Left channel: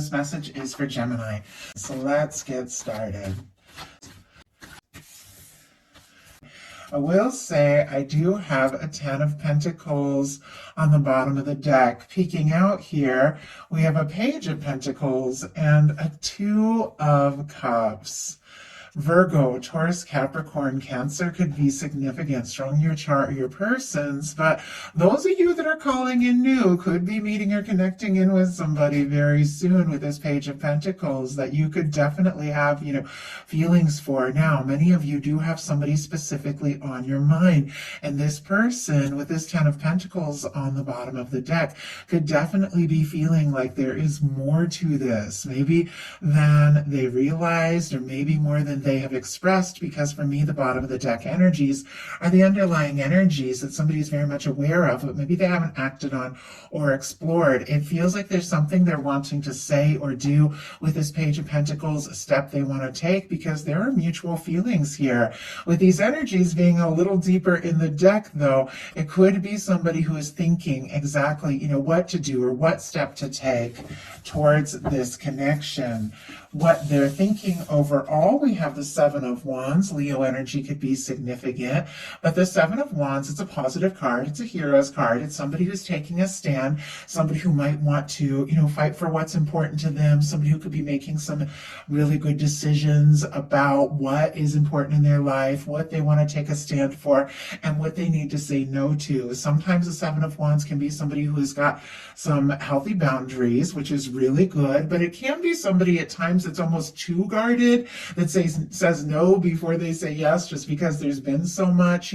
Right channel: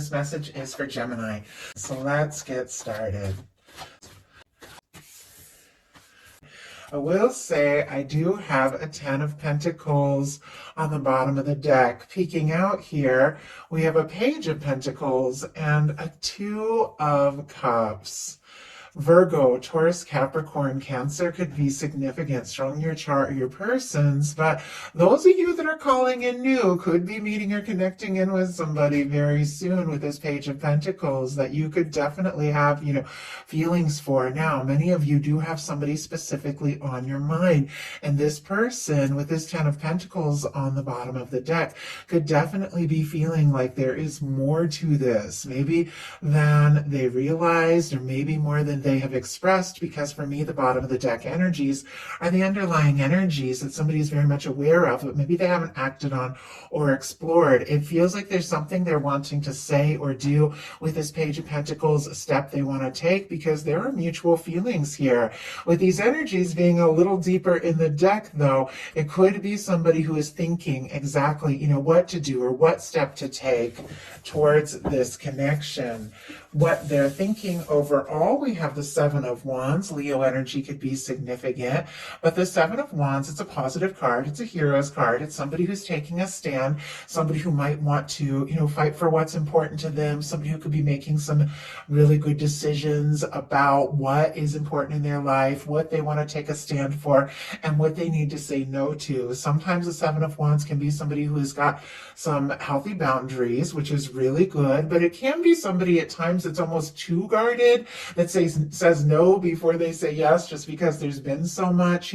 this message is for Gemini. So let's get started. I will say I do have a 10 of Pentacles on the bottom of the deck. Peeking out here, we have a Page of Pentacles and a 2 of Cups. Virgo, Taurus, Capricorn, Cancer could be significant, strong in your chart or your person's, but those of you that are calling in new could be meeting or connecting in with somebody very soon with this Page of Pentacles that you could definitely have, feelings for. Now, many of you do have somebody specifically on your mind, and this person with this 10 of Pentacles on the bottom of the deck could definitely be feeling like there is more to this, maybe than they realized, or maybe more than they have expressed, because for me, the bottom of the deck energies are the underlying energies that somebody is very much aware of, but maybe they haven't acted on or explored. It feels like there's something they're wanting to say or do with this Page of Pentacles, a step they want to take, because there are mutual feelings here. With these energies being a little deeper in the deck, though, it could be somebody who is thinking exactly, what to do or what step to take towards this connection. What they're thinking overall, we have the 7 of Wands. Leo energy could be significant, but the 7 of Wands, it's a positive card. It's a hero's card. It's somebody who's taking a stand, somebody who might want to, fight for what's important to them, somebody who could be making some really good decisions about what is important in their life, what they want to take a stand for, and what they need to say no to. Sometimes the 7 of Wands can be somebody who has got some healthy boundaries, which is really good, but it can be somebody at times that's almost too guarded, that says no before they say yes, just because there's been so much,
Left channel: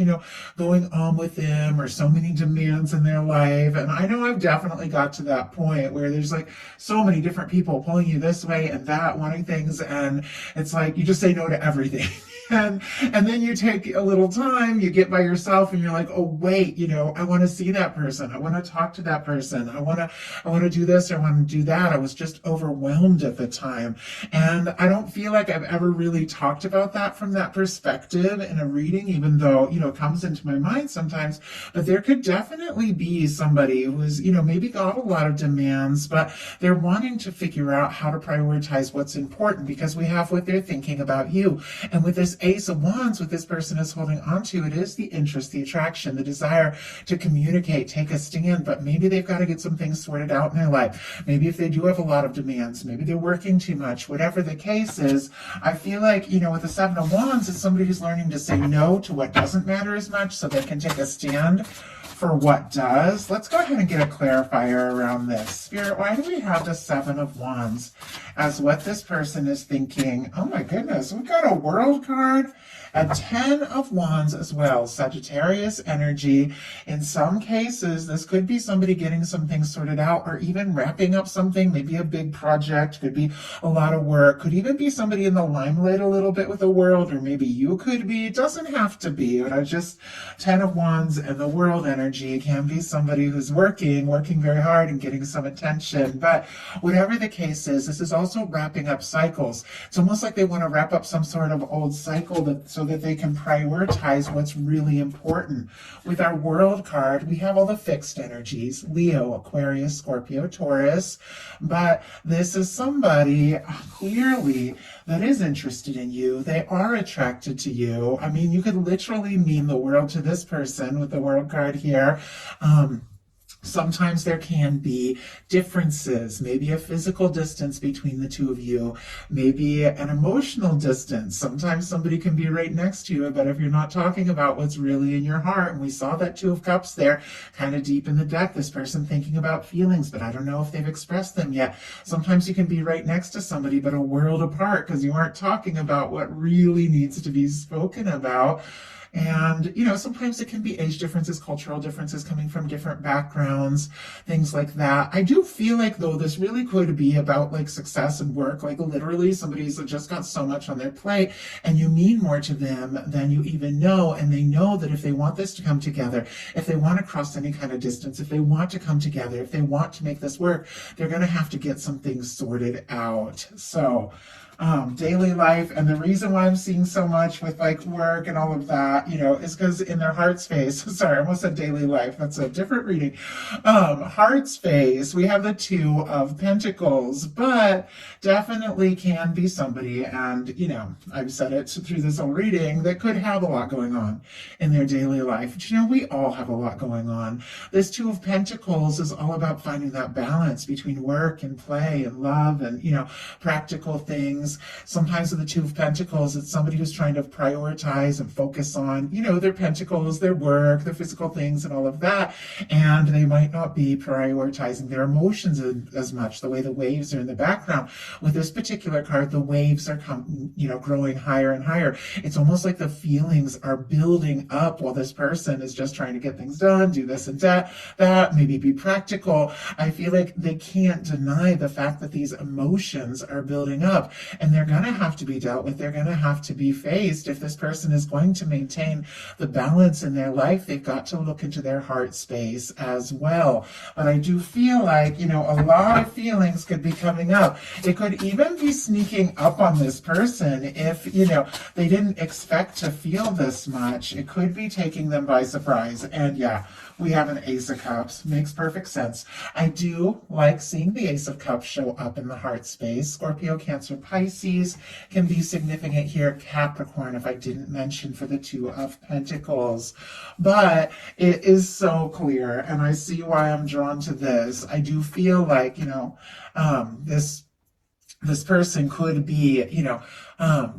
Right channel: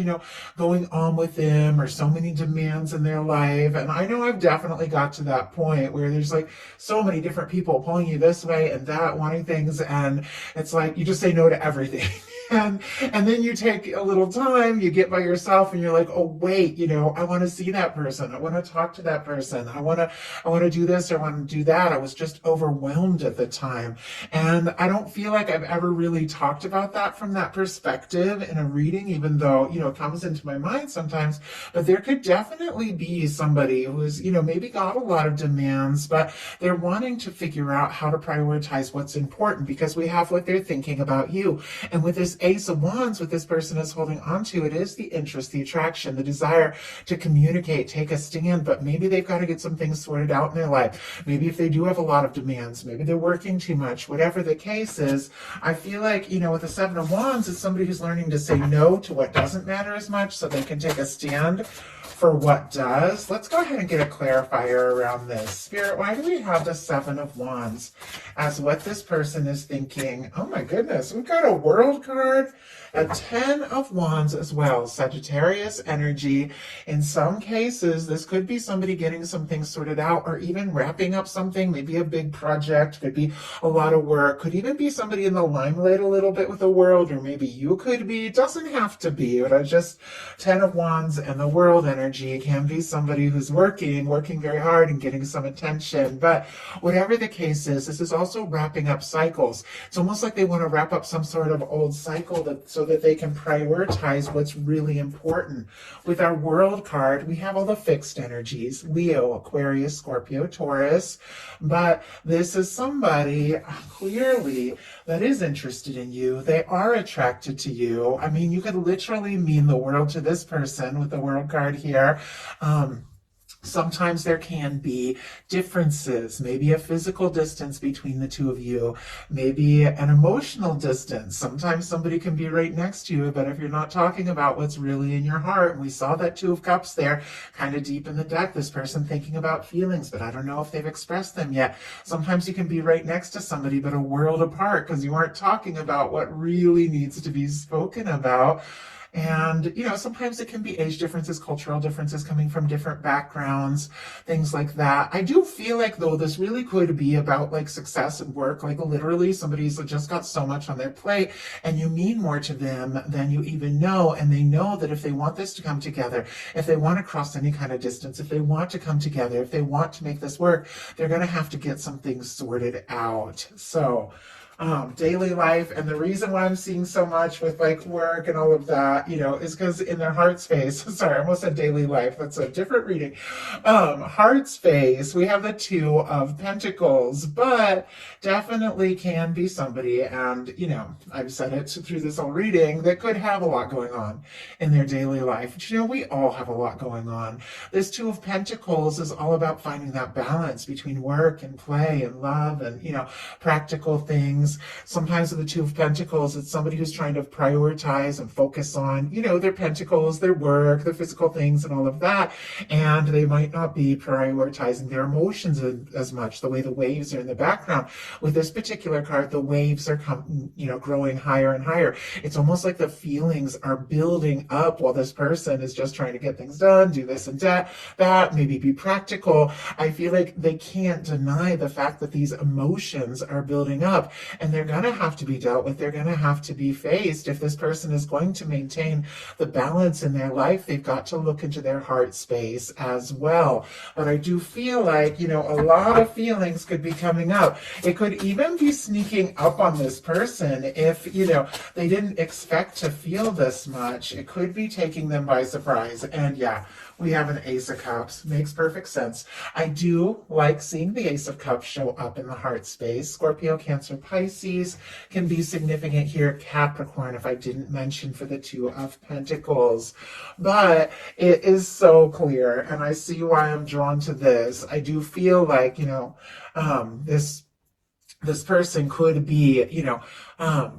going on with them, or so many demands in their life. And I know I've definitely got to that point where there's like so many different people pulling you this way and that, wanting things, and it's like you just say no to everything. And then you take a little time, you get by yourself, and you're like, oh wait, I want to see that person, I want to talk to that person, I want to do this or want to do that. I was just overwhelmed at the time, and I don't feel like I've ever really talked about that from that perspective in a reading, even though it comes into my mind sometimes. But there could definitely be somebody who is maybe got a lot of demands, but they're wanting to figure out how to prioritize what's important, because we have what they're thinking about you. And with this Ace of Wands, what this person is holding on to, it is the interest, the attraction, the desire to communicate, take a stand, but maybe they've got to get some things sorted out in their life. Maybe if they do have a lot of demands, maybe they're working too much, whatever the case is. I feel like, with the 7 of Wands, it's somebody who's learning to say no to what doesn't matter as much so they can take a stand for what does. Let's go ahead and get a clarifier around this. Spirit, why do we have the 7 of Wands as what this person is thinking? Oh my goodness, we've got a World card, a 10 of Wands as well, Sagittarius energy. In some cases, this could be somebody getting some things sorted out, or even wrapping up something, maybe a big project, could be a lot of work, could even be somebody in the limelight a little bit with the World, or maybe you could be. It doesn't have to be, but I just, 10 of Wands and the World energy can be somebody who's working very hard and getting some attention. But whatever the case is, this is also wrapping up cycles. It's almost like they want to wrap up some sort of old cycle so that they can prioritize what's really important. With our World card, we have all the fixed energies, Leo, Aquarius, Scorpio, Taurus, but this is somebody clearly that is interested in you. They are attracted to you. I mean, you could literally mean the world to this person with the World card here. Sometimes there can be differences, maybe a physical distance between the two of you, maybe an emotional distance. Sometimes somebody can be right next to you, but if you're not talking about what's really in your heart, and we saw that 2 of Cups there, kind of deep in the deck, this person thinking about feelings, but I don't know if they've expressed them yet. Sometimes you can be right next to somebody, but a world apart, because you aren't talking about what really needs to be spoken about. And, sometimes it can be age differences, cultural differences, coming from different backgrounds, things like that. I do feel like, though, this really could be about like success and work. Like literally somebody's just got so much on their plate, and you mean more to them than you even know. And they know that if they want this to come together, if they want to cross any kind of distance, if they want to come together, if they want to make this work, they're going to have to get some things sorted out. So daily life. And the reason why I'm seeing so much with like work and all of that, is because in their heart space, sorry, I almost said daily life. That's a different reading. Heart space, we have the Two of Pentacles, but definitely can be somebody, and I've said it through this whole reading, that could have a lot going on in their daily life. But, we all have a lot going on. This Two of Pentacles is all about finding that balance between work and play and love and, practical things. Sometimes with the Two of Pentacles, it's somebody who's trying to prioritize and focus on, their pentacles, their work, their physical things and all of that. And they might not be prioritizing their emotions as much, the way the waves are in the background. With this particular card, the waves are growing higher and higher. It's almost like the feelings are building up while this person is just trying to get things done, do this and that, maybe be practical. I feel like they can't deny the fact that these emotions are building up, and they're going to have to be dealt with. They're going to have to be faced. If this person is going to maintain the balance in their life, they've got to look into their heart space as well. But I do feel like, a lot of feelings could be coming up. It could even be sneaking up on this person if, they didn't expect to feel this much. It could be taking them by surprise. And yeah, we have an Ace of Cups. Makes perfect sense. I do like seeing the Ace of Cups show up in the heart space. Scorpio, Cancer, Pisces can be significant here. Capricorn, if I didn't mention, for the Two of Pentacles. But it is so clear, and I see why I'm drawn to this. I do feel like, this person could be,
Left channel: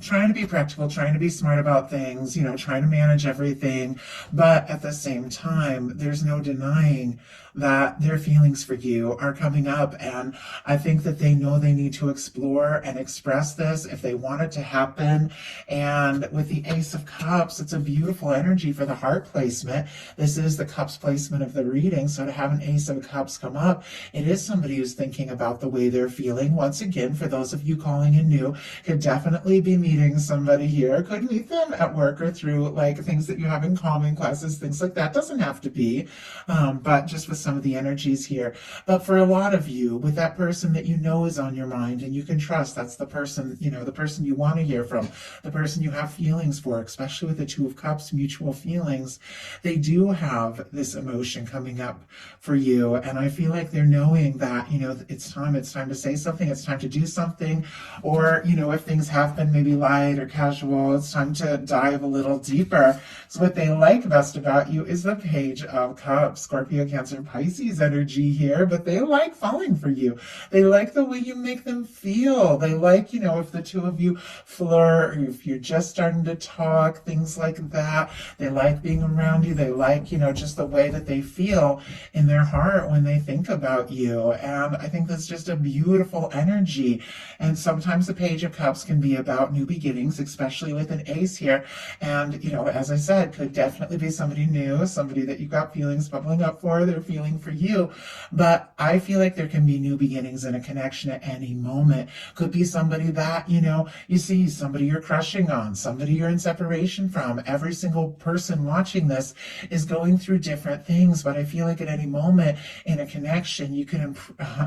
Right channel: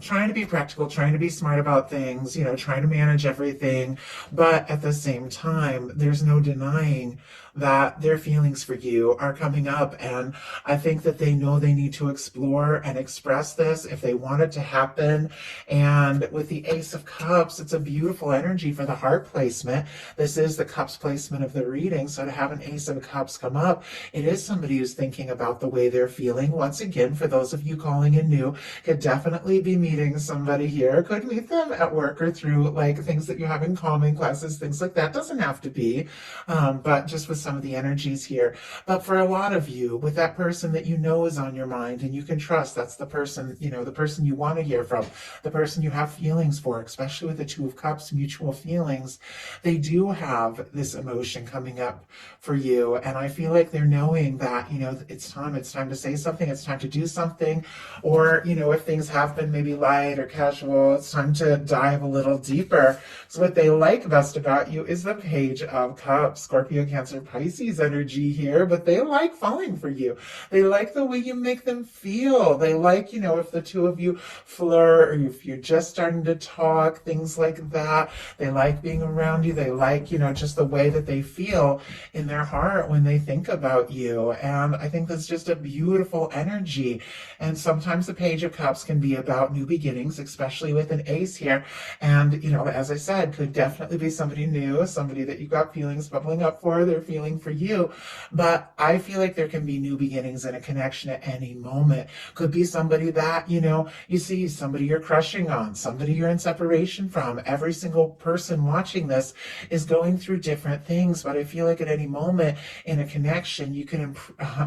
trying to be practical, trying to be smart about things, trying to manage everything. But at the same time, there's no denying that their feelings for you are coming up. And I think that they know they need to explore and express this if they want it to happen. And with the Ace of Cups, it's a beautiful energy for the heart placement. This is the Cups placement of the reading. So to have an Ace of Cups come up, it is somebody who's thinking about the way they're feeling. Once again, for those of you calling in new, could definitely be meeting somebody here. Could meet them at work or through like things that you have in common, classes, things like that. Doesn't have to be, but just with some of the energies here. But for a lot of you, with that person that is on your mind and you can trust, that's the person, the person you want to hear from, the person you have feelings for, especially with the Two of Cups, mutual feelings, they do have this emotion coming up for you. And I feel like they're knowing that, it's time to say something, it's time to do something, or, if things have been maybe light or casual, it's time to dive a little deeper. So what they like best about you is the Page of Cups. Scorpio, Cancer, Pisces energy here, but they like falling for you. They like the way you make them feel. They like, if the two of you flirt, or if you're just starting to talk, things like that. They like being around you. They like, just the way that they feel in their heart when they think about you. And I think that's just a beautiful energy. And sometimes the Page of Cups can be about new beginnings, especially with an ace here. And, as I said, could definitely be somebody new, somebody that you got feelings bubbling up for, they're feeling for you. But I feel like there can be new beginnings and a connection at any moment. Could be somebody that, you see, somebody you're crushing on, somebody you're in separation from. Every single person watching this is going through different things, but I feel like at any moment in a connection, you can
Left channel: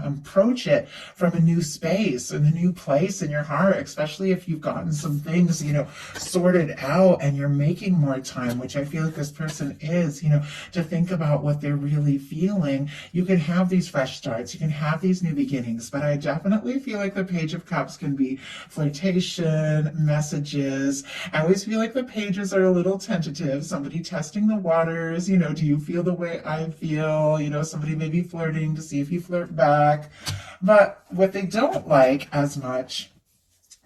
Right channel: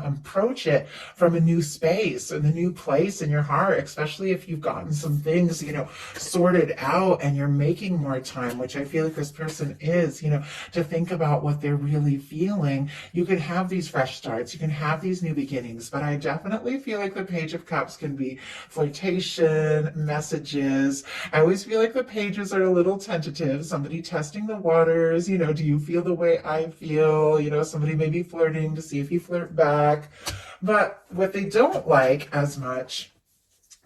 approach it from a new space and a new place in your heart, especially if you've gotten some things, sorted out and you're making more time, which I feel like this person is, to think about what they're really feeling. You can have these fresh starts, you can have these new beginnings, but I definitely feel like the Page of Cups can be flirtation, messages. I always feel like the pages are a little tentative, somebody testing the waters, do you feel the way I feel, somebody maybe flirting to see if you flirt back. But what they don't like as much,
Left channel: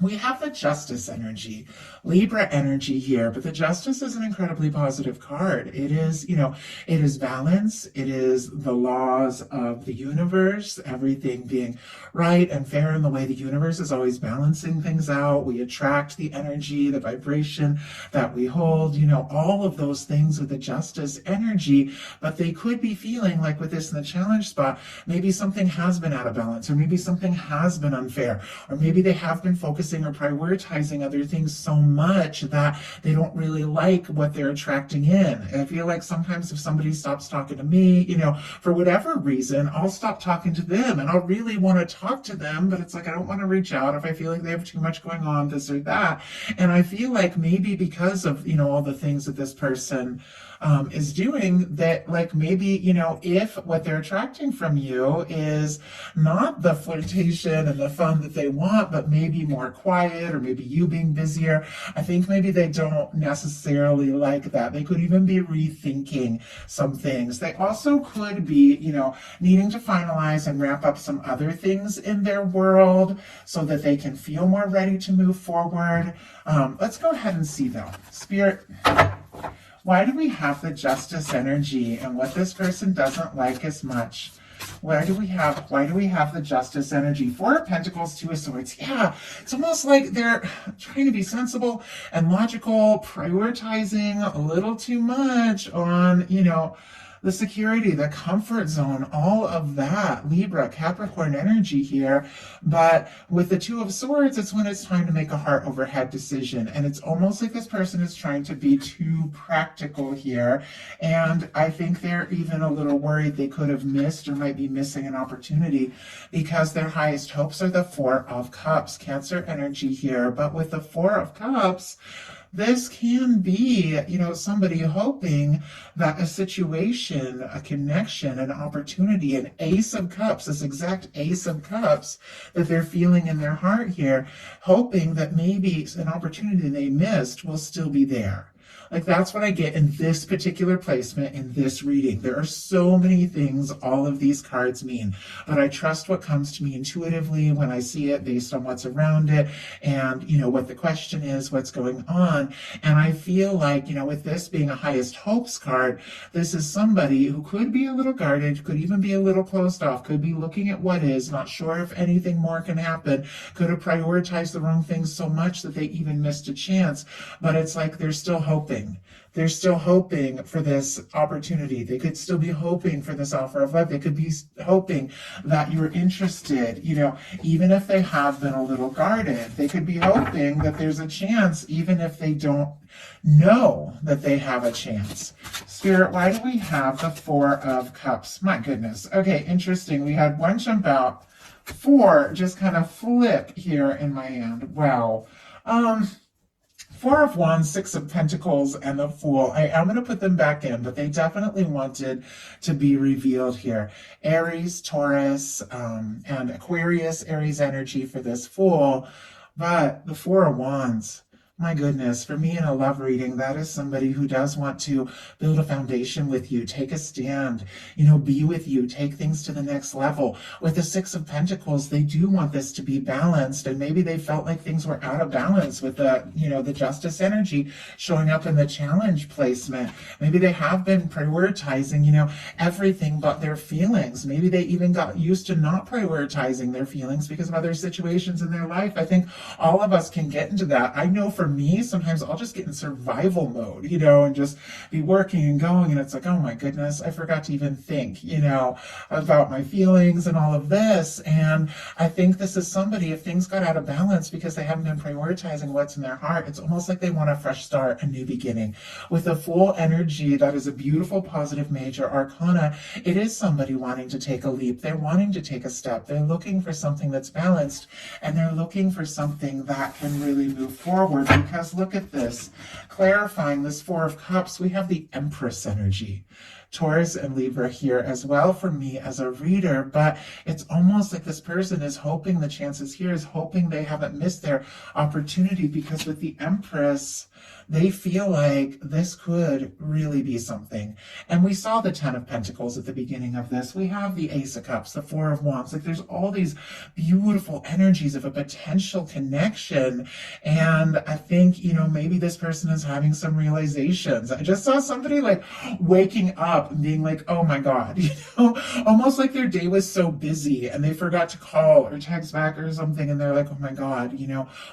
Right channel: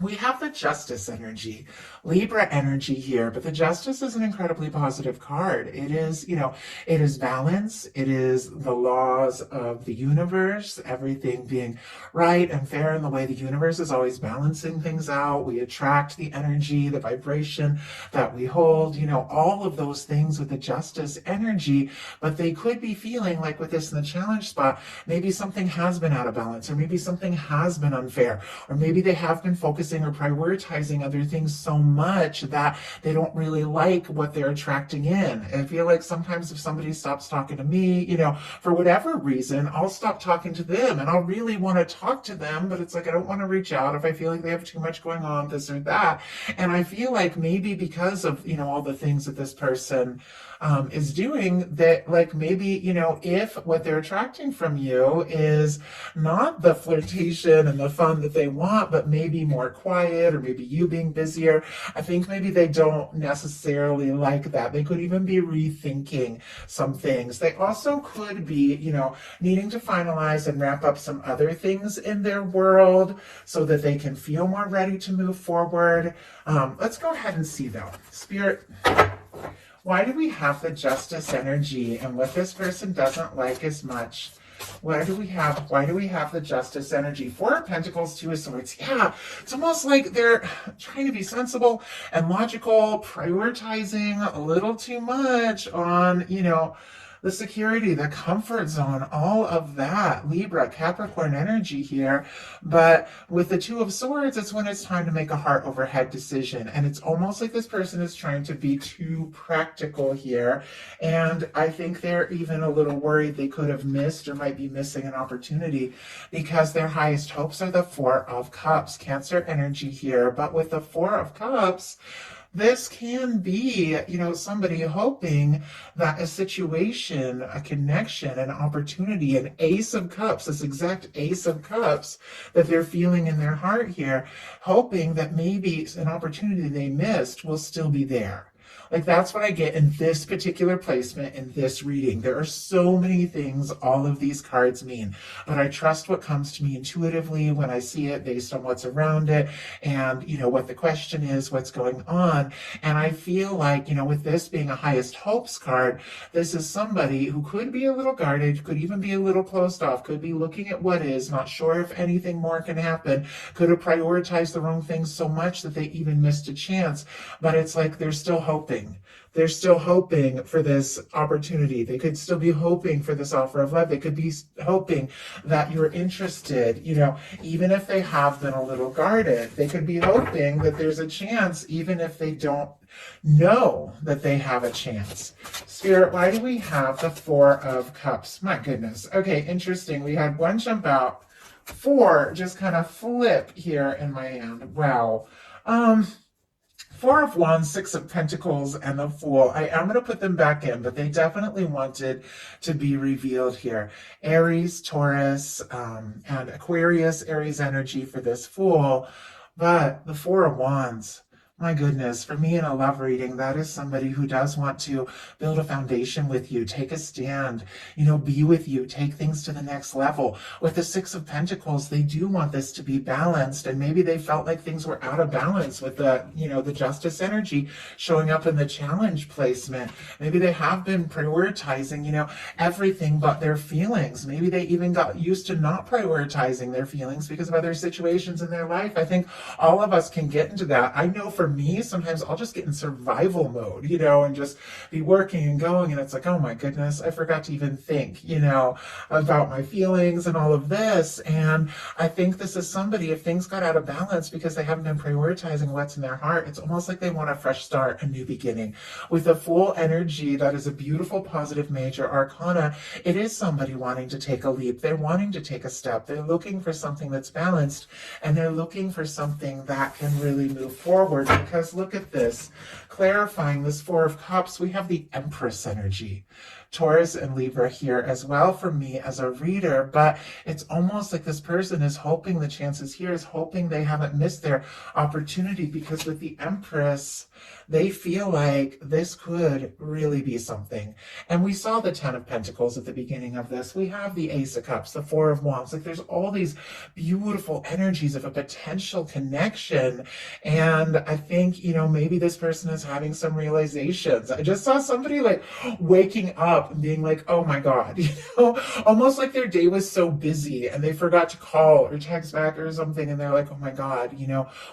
we have the Justice energy, Libra energy here, but the Justice is an incredibly positive card. It is, it is balance. It is the laws of the universe, everything being right and fair in the way the universe is always balancing things out. We attract the energy, the vibration that we hold, all of those things with the Justice energy, but they could be feeling like with this in the challenge spot, maybe something has been out of balance, or maybe something has been unfair, or maybe they have been focused focusing or prioritizing other things so much that they don't really like what they're attracting in. I feel like sometimes if somebody stops talking to me, for whatever reason, I'll stop talking to them and I'll really want to talk to them, but it's like I don't want to reach out if I feel like they have too much going on, this or that. And I feel like maybe because of, all the things that this person is doing, that like maybe, if what they're attracting from you is not the flirtation and the fun that they want, but maybe more quiet or maybe you being busier, I think maybe they don't necessarily like that. They could even be rethinking some things. They also could be, needing to finalize and wrap up some other things in their world so that they can feel more ready to move forward. Let's go ahead and see though. Spirit, why do we have the Justice energy and what this person doesn't like as much? Why do we have the Justice energy? Four of Pentacles, Two of Swords. Yeah, it's almost like they're trying to be sensible and logical, prioritizing a little too much on, the security, the comfort zone, all of that. Libra, Capricorn energy here. But with the Two of Swords, it's when it's time to make a heart over head decision. And it's almost like this person is trying to be too practical here. And I think they're even a little worried they could have missed or might be missing an opportunity because their highest hopes are the Four of Cups, Cancer energy here. But with the Four of Cups, this can be, somebody hoping that a situation, a connection, an opportunity, an Ace of Cups, this exact Ace of Cups that they're feeling in their heart here, hoping that maybe an opportunity they missed will still be there. Like that's what I get in this particular placement in this reading. There are so many things all of these cards mean, but I trust what comes to me intuitively when I see it based on what's around it and, what the question is, what's going on. And I feel like, with this being a highest hopes card, this is somebody who could be a little guarded, could even be a little closed off, could be looking at what is, not sure if anything more can happen, could have prioritized the wrong things so much that they even missed a chance. But it's like they're still hoping. They're still hoping for this opportunity. They could still be hoping for this offer of love. They could be hoping that you're interested, even if they have been a little guarded. They could be hoping that there's a chance, even if they don't know that they have a chance. Spirit, why do we have the Four of Cups? My goodness. Okay, interesting. We had one jump out. Four just kind of flip here in my hand. Wow. Four of Wands, Six of Pentacles, and the Fool. I am going to put them back in, but they definitely wanted to be revealed here. Aries, Taurus, and Aquarius, Aries energy for this Fool. But the Four of Wands, my goodness, for me in a love reading, that is somebody who does want to build a foundation with you, take a stand, be with you, take things to the next level. With the Six of Pentacles, they do want this to be balanced, and maybe they felt like things were out of balance with the, the Justice energy showing up in the Challenge placement. Maybe they have been prioritizing, everything but their feelings. Maybe they even got used to not prioritizing their feelings because of other situations in their life. I think all of us can get into that. I know for me, sometimes I'll just get in survival mode, and just be working and going. And it's like, oh my goodness, I forgot to even think, about my feelings and all of this. And I think this is somebody, if things got out of balance because they haven't been prioritizing what's in their heart, it's almost like they want a fresh start, a new beginning. With a Full energy, that is a beautiful, positive major arcana. It is somebody wanting to take a leap. They're wanting to take a step. They're looking for something that's balanced, and they're looking for something that can really move forward. Because look at this, clarifying this Four of Cups, we have the Empress energy. Taurus and Libra here as well for me as a reader, but it's almost like this person is hoping, the chances here is hoping they haven't missed their opportunity, because with the Empress, they feel like this could really be something. And we saw the Ten of Pentacles at the beginning of this. We have the Ace of Cups, the Four of Wands. Like there's all these beautiful energies of a potential connection. And I think, maybe this person is having some realizations. I just saw somebody like waking up and being like, oh my God, almost like their day was so busy and they forgot to call or text back or something. And they're like, oh my God,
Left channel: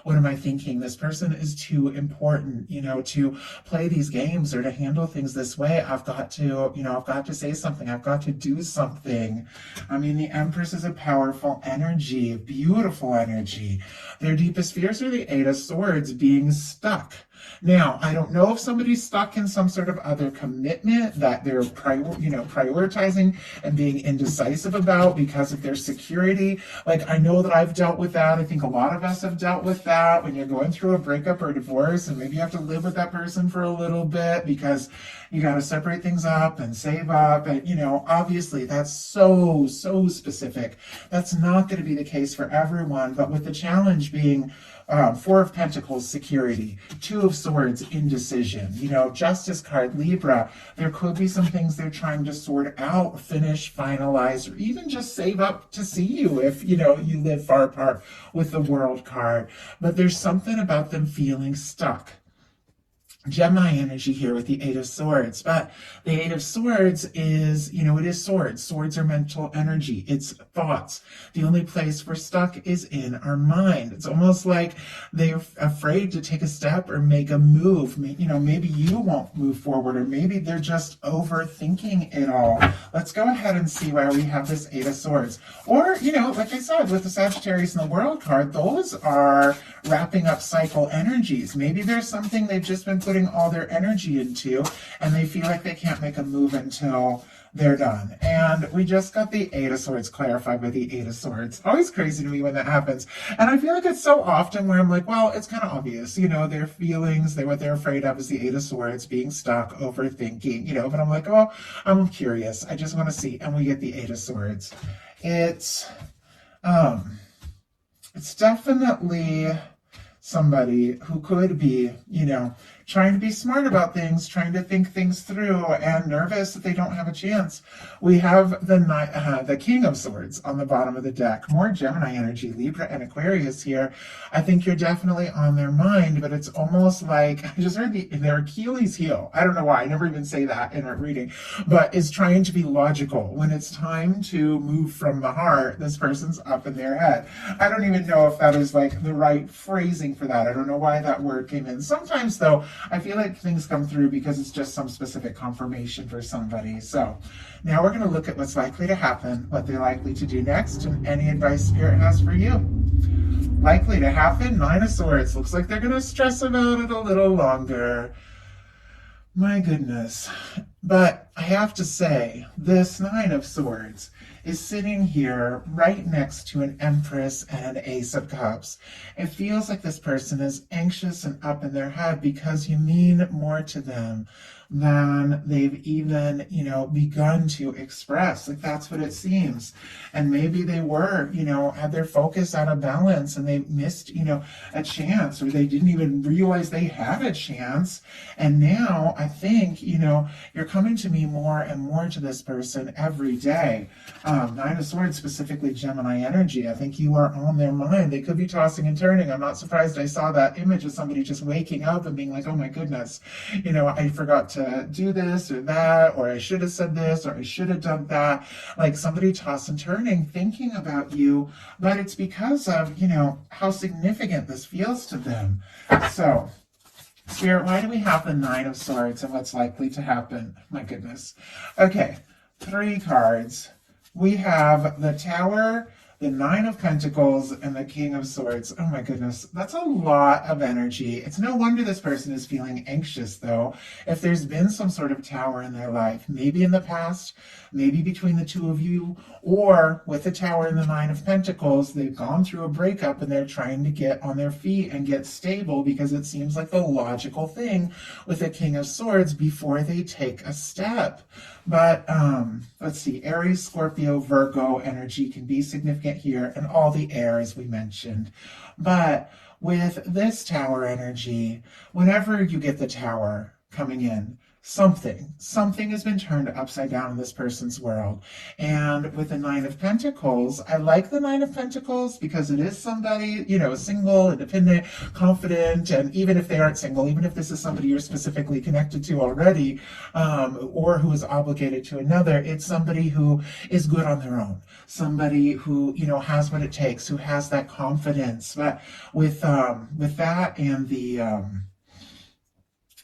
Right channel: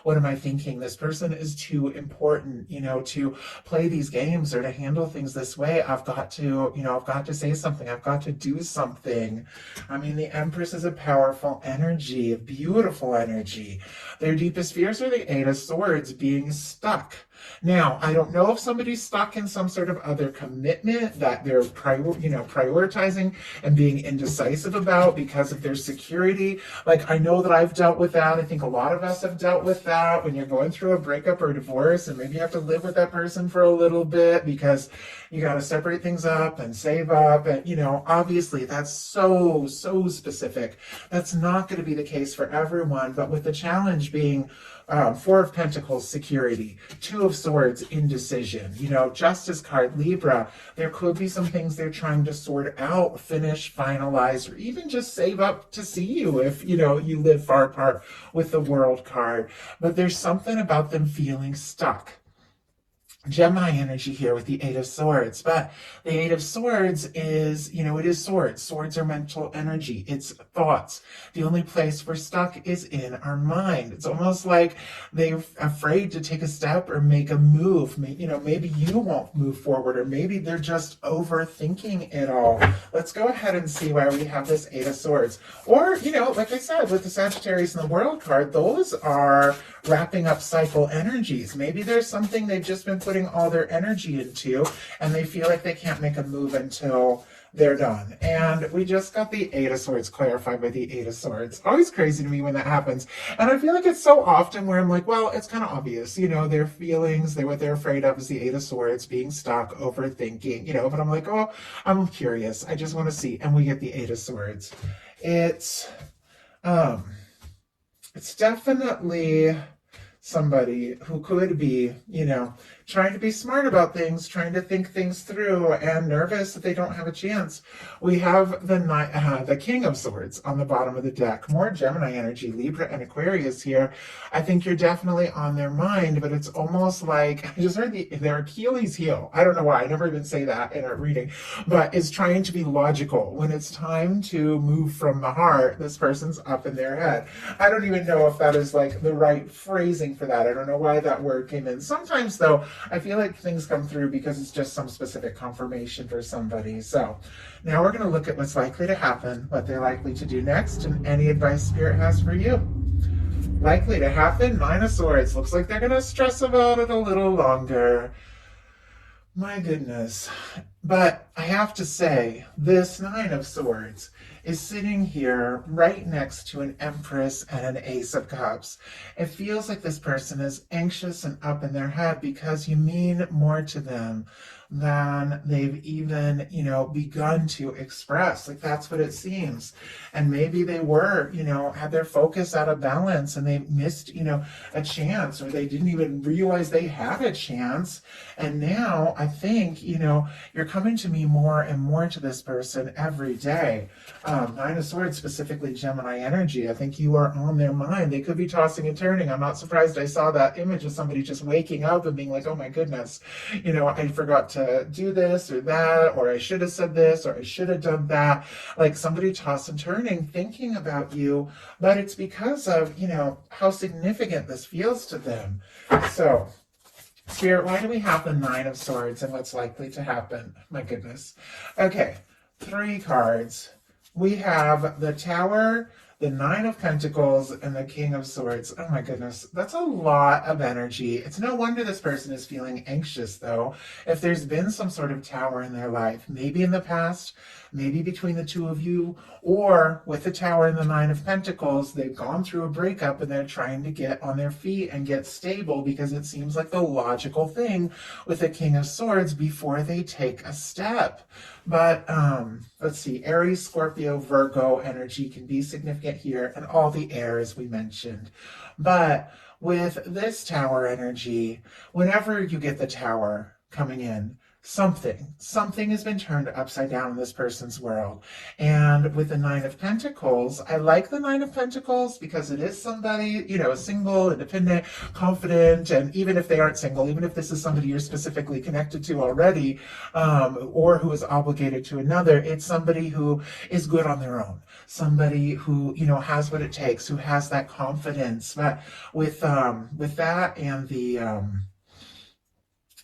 what am I thinking? This person is too important, to play these games or to handle things this way, I've got to, I've got to say something. I've got to do something. I mean, the Empress is a powerful energy, a beautiful energy. Their deepest fears are the Eight of Swords, being stuck. Now, I don't know if somebody's stuck in some sort of other commitment that they're prioritizing and being indecisive about because of their security. Like, I know that I've dealt with that. I think a lot of us have dealt with that when you're going through a breakup or a divorce, and maybe you have to live with that person for a little bit because you got to separate things up and save up. And, obviously that's so specific. That's not going to be the case for everyone. But with the challenge being Four of Pentacles, security. Two of Swords, indecision. Justice card, Libra. There could be some things they're trying to sort out, finish, finalize, or even just save up to see you if, you live far apart, with the World card. But there's something about them feeling stuck. Gemini energy here with the Eight of Swords, but the Eight of Swords is, it is swords. Swords are mental energy. It's thoughts. The only place we're stuck is in our mind. It's almost like they're afraid to take a step or make a move. Maybe you won't move forward, or maybe they're just overthinking it all. Let's go ahead and see why we have this Eight of Swords. Or, like I said, with the Sagittarius and the World card, those are wrapping up cycle energies. Maybe there's something they've just been putting all their energy into, and they feel like they can't make a move until they're done. And we just got the Eight of Swords clarified by the Eight of Swords. Always crazy to me when that happens. And I feel like it's so often where I'm like, well, it's kind of obvious, their feelings, what they're afraid of is the Eight of Swords, being stuck, overthinking, but I'm like, oh, I'm curious. I just want to see. And we get the Eight of Swords. It's definitely somebody who could be, trying to be smart about things, trying to think things through, and nervous that they don't have a chance. We have the King of Swords on the bottom of the deck. More Gemini energy, Libra and Aquarius here. I think you're definitely on their mind, but it's almost like, I just heard their Achilles heel. I don't know why, I never even say that in a reading, but it's trying to be logical. When it's time to move from the heart, this person's up in their head. I don't even know if that is like the right phrasing for that. I don't know why that word came in. Sometimes though, I feel like things come through because it's just some specific confirmation for somebody. So now we're going to look at what's likely to happen, what they're likely to do next, and any advice Spirit has for you. Likely to happen, Nine of Swords. Looks like they're going to stress about it a little longer. My goodness. But I have to say, this Nine of Swords is sitting here right next to an Empress and an Ace of Cups. It feels like this person is anxious and up in their head because you mean more to them than they've even, begun to express. Like, that's what it seems. And maybe they were, had their focus out of balance and they missed, a chance, or they didn't even realize they had a chance. And now I think, you're coming to me more and more to this person every day. Nine of Swords, specifically Gemini energy. I think you are on their mind. They could be tossing and turning. I'm not surprised I saw that image of somebody just waking up and being like, oh my goodness, I forgot to do this or that, or I should have said this, or I should have done that. Like somebody tossing and turning, thinking about you, but it's because of, how significant this feels to them. So, Spirit, why do we have the Nine of Swords and what's likely to happen? My goodness. Okay, 3 cards. We have the Tower, the Nine of Pentacles, and the King of Swords. Oh my goodness, that's a lot of energy. It's no wonder this person is feeling anxious, though. If there's been some sort of Tower in their life, maybe in the past, maybe between the two of you, or with the Tower and the Nine of Pentacles, they've gone through a breakup and they're trying to get on their feet and get stable because it seems like the logical thing with the King of Swords before they take a step. But let's see, Aries, Scorpio, Virgo energy can be significant here, and all the air as we mentioned. But with this Tower energy, whenever you get the Tower coming in, something has been turned upside down in this person's world. And with the Nine of Pentacles, I like the Nine of Pentacles because it is somebody, single, independent, confident, and even if they aren't single, even if this is somebody you're specifically connected to already, or who is obligated to another, it's somebody who is good on their own, somebody who, has what it takes, who has that confidence. But with that and the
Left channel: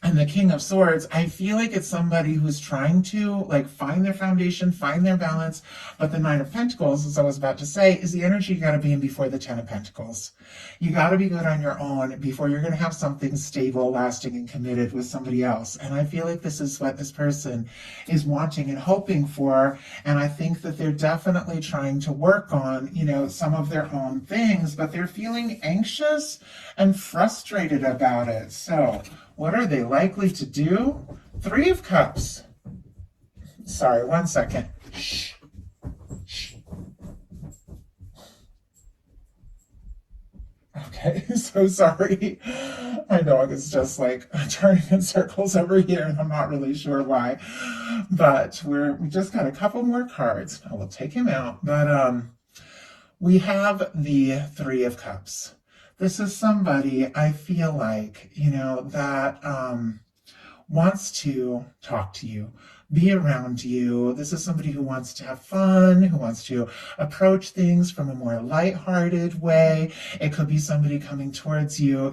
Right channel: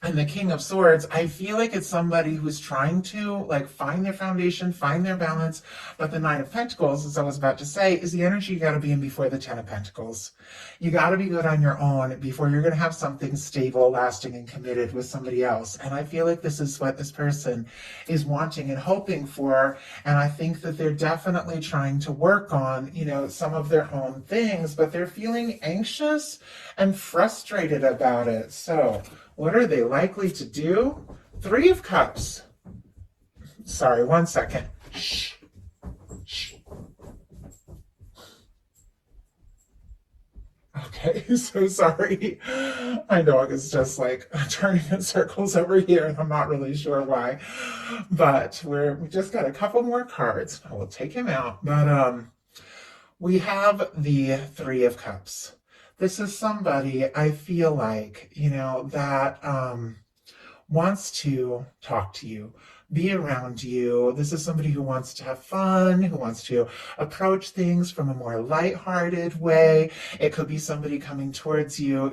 And the King of Swords, I feel like it's somebody who's trying to like find their foundation, find their balance. But the Knight of Pentacles, as I was about to say, is the energy you got to be in before the Ten of Pentacles. You got to be good on your own before you're going to have something stable, lasting, and committed with somebody else. And I feel like this is what this person is wanting and hoping for. And I think that they're definitely trying to work on, some of their own things, but they're feeling anxious and frustrated about it. So, what are they likely to do? Three of Cups. Sorry, 1 second. Shh. Shh. Okay, so sorry. My dog is just like turning in circles over here, and I'm not really sure why. But we just got a couple more cards. I will take him out. But we have the Three of Cups. This is somebody I feel like, that wants to talk to you, be around you. This is somebody who wants to have fun, who wants to approach things from a more lighthearted way. It could be somebody coming towards you,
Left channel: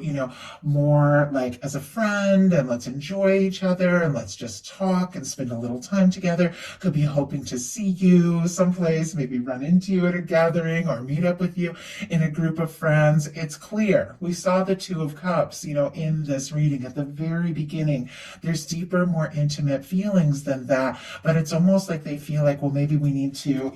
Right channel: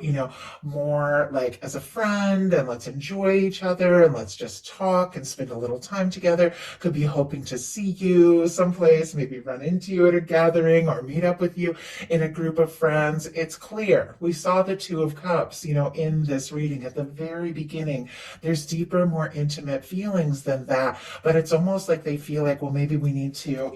more like as a friend, and let's enjoy each other and let's just talk and spend a little time together. Could be hoping to see you someplace, maybe run into you at a gathering or meet up with you in a group of friends. It's clear. We saw the Two of Cups, in this reading at the very beginning. There's deeper, more intimate feelings than that, but it's almost like they feel like, well, maybe we need to,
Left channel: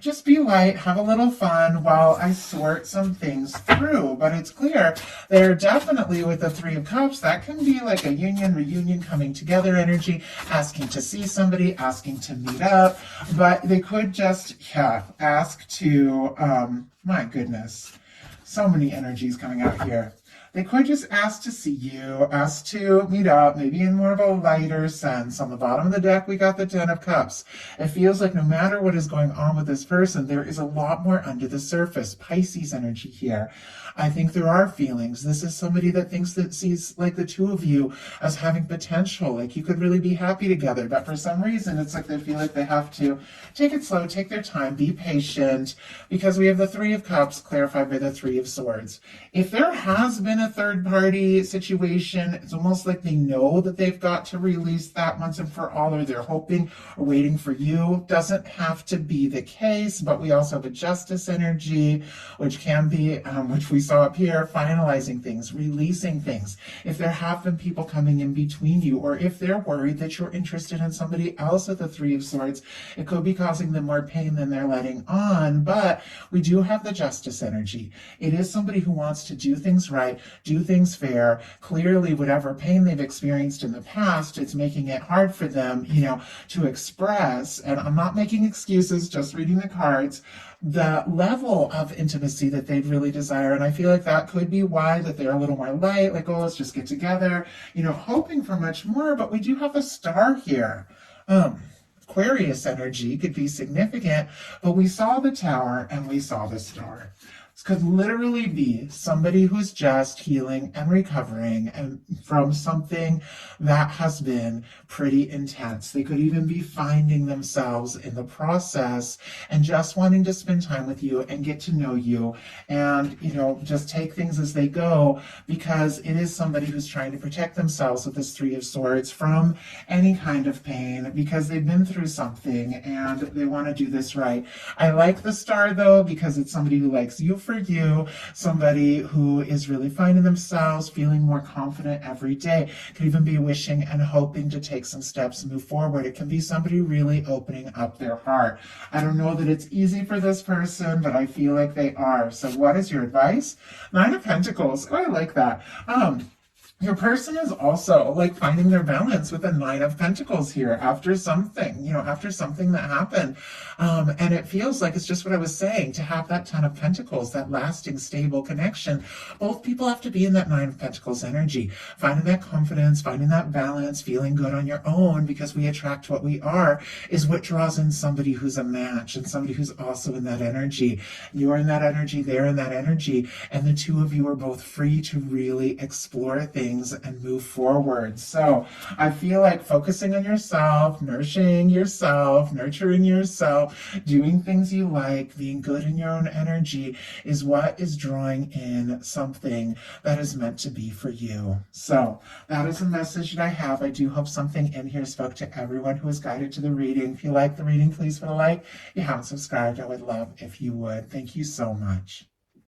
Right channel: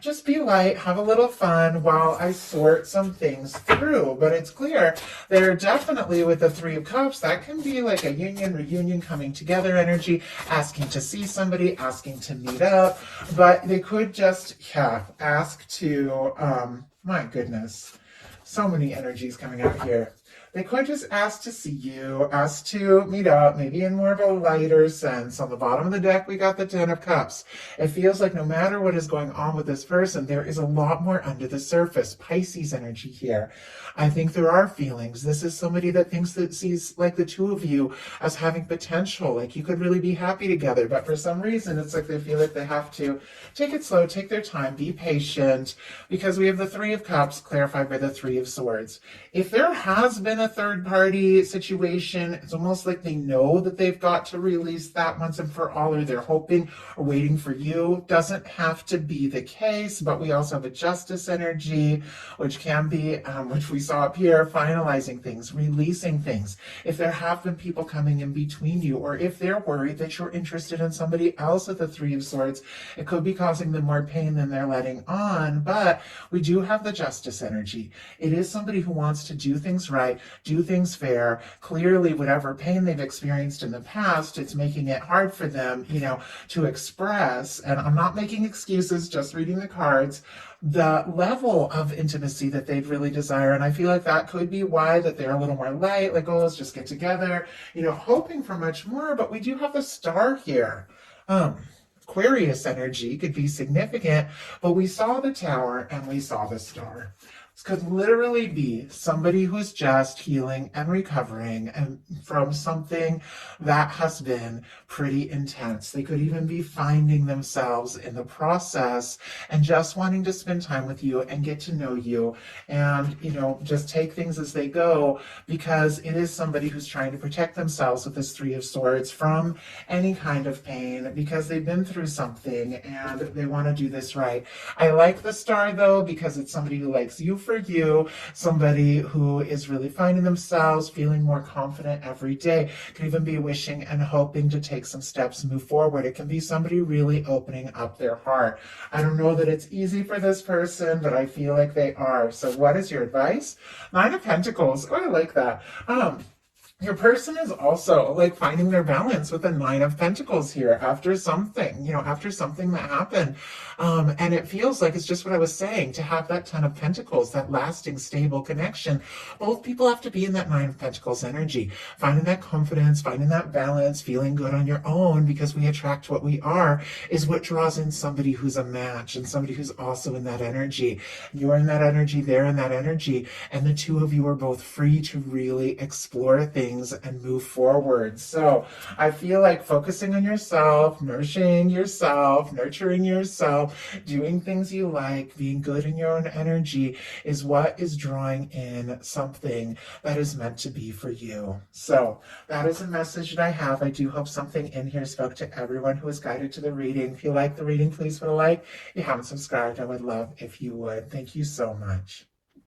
just be light, have a little fun while I sort some things through. But it's clear they're definitely, with the Three of Cups, that can be like a union, reunion, coming together energy, asking to see somebody, asking to meet up. But they could just, ask to, my goodness, so many energies coming out here. They could just ask to see you, ask to meet up, maybe in more of a lighter sense. On the bottom of the deck, we got the Ten of Cups. It feels like no matter what is going on with this person, there is a lot more under the surface. Pisces energy here. I think there are feelings. This is somebody that sees like the two of you as having potential, like you could really be happy together. But for some reason, it's like they feel like they have to take it slow, take their time, be patient, because we have the Three of Cups clarified by the Three of Swords. If there has been a third party situation, it's almost like they know that they've got to release that once and for all, or they're hoping or waiting for you. Doesn't have to be the case, but we also have a Justice energy, which can be, which we saw up here, finalizing things, releasing things. If there have been people coming in between you, or if they're worried that you're interested in somebody else with the Three of Swords, it could be causing them more pain than they're letting on. But we do have the Justice energy. It is somebody who wants to do things right, do things fair. Clearly, whatever pain they've experienced in the past, it's making it hard for them, to express. And I'm not making excuses, just reading the cards, the level of intimacy that they'd really desire. And I feel like that could be why that they're a little more light, like, oh, let's just get together, hoping for much more. But we do have the Star here. Aquarius energy could be significant, but we saw the Tower and we saw the Star. This could literally be somebody who's just healing and recovering and from something that has been pretty intense. They could even be finding themselves in the process and just wanting to spend time with you and get to know you and, just take things as they go, because it is somebody who's trying to protect themselves with this Three of Swords from any kind of pain, because they've been through something and they want to do this right. I like the Star though, because it's somebody who likes you for you, somebody who is really finding themselves, feeling more confident every day. Could even be wishing and hoping to take some steps and move forward. It can be somebody really opening up their heart. I don't know that it's easy for this person, but I feel like they are. So what is your advice? Nine of Pentacles. Oh, I like that. Your person is also like finding their balance with the Nine of Pentacles here after something, after something that happened. And it feels like it's just what I was saying, to have that Ten of Pentacles, that lasting, stable connection. Both people have to be in that Nine of Pentacles energy, finding that confidence, finding that balance, feeling good on your own, because we attract what we are, is what draws in somebody who's a match and somebody who's also in that energy. You're in that energy, they're in that energy, and the two of you are both free to really explore things things and move forward. So I feel like focusing on yourself, nourishing yourself, nurturing yourself, doing things you like, being good in your own energy is what is drawing in something that is meant to be for you. So that is a message that I have. I do hope something in here spoke to everyone who was guided to the reading. If you like the reading, please put a like. If you haven't subscribed, I would love if you would. Thank you so much.